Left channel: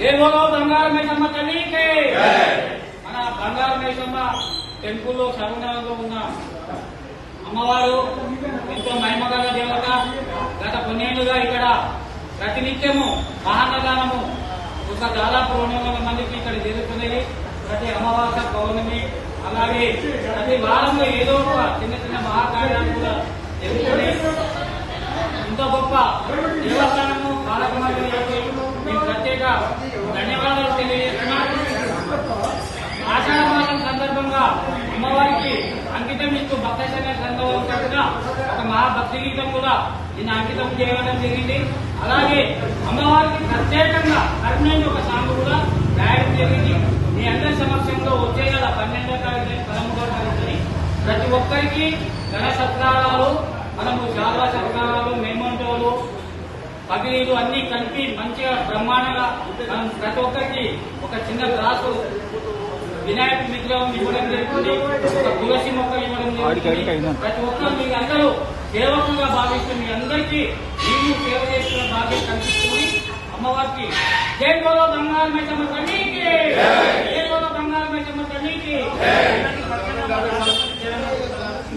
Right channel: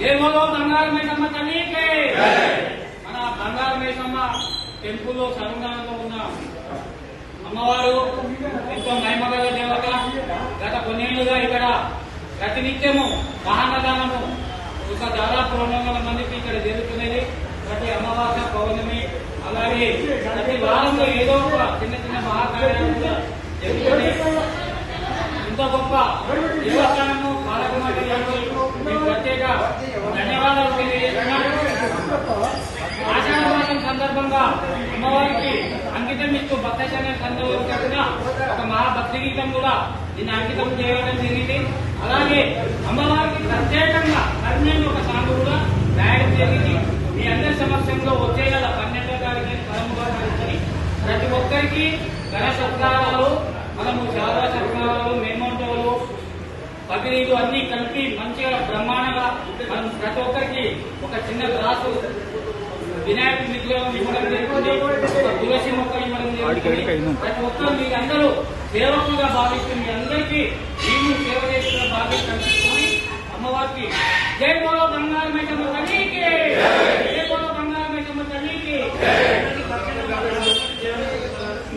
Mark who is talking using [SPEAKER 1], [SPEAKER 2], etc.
[SPEAKER 1] దేవులో బంగారు మేసమ్మ తల్లికి మన బంగారు మేసమ్మ టెంపుల్లో సర్వనామంలో ఉన్నాం. అమ్మవారు ఎంతో మహిమగల దేవత గత కొన్నేళ్ళుగా ఇక్కడ ప్రతినిత్యము మహానదానము ఒక దాదాపు రెండు వందల మందికి ఇక్కడ జరుగుతున్నది ప్రతి అమావాస్య పౌర్ణమి అలాగే ప్రతి వారంలో ఏదో ఒక చిన్న చిన్న మహాకార్యాలు కూడా జరుగుతున్నాయి. ఇంత గొప్ప దేవస్థానము ప్రత్యేక ధన్యవాదాలు తెలియజేస్తున్నాను. ఆచారవాదం సందర్భంగా అమ్మవారికి అంకితం ఇస్తూ భక్తజన సంఘం ఒక మహాభక్తి గీతం కూడా నిన్న అంకితం చేయడం జరిగింది. అలాగే అమ్మవారికి ప్రత్యేకంగా కర్ణంగా ఒక సాంగ్ కూడా రాయడం జరిగింది. మీ అందరి సమక్షంలో వచ్చే గల పన్నెండో తారీఖు పదమూడో తారీఖుని ప్రతి ఒక్కరికి ఘన సత్కారాలు. పగిలీలు అన్ని కలిపి మంచిగా బ్రహ్మాండంగా మనం ప్రతి ఒక్కరికి ఒక చిన్న గ్లాసు వినాయక విగ్రహం ఇవ్వడం జరుగుతుంది ఒక తులసి మొక్క ఇవ్వడం జరుగుతుంది. ప్రతి ఒక్కరు మీరందరూ సేవకులుగా భావిస్తుంది మీ అందరికీ మీరు సేవ చేస్తున్న భాగ్యం కల్పిస్తుంది. అమ్మవారికి జై బోలో బంగారు మైసమ్మ తల్లికి జై బోలో బంగారు మైసమ్మ తల్లికి. అందరికీ భక్తులు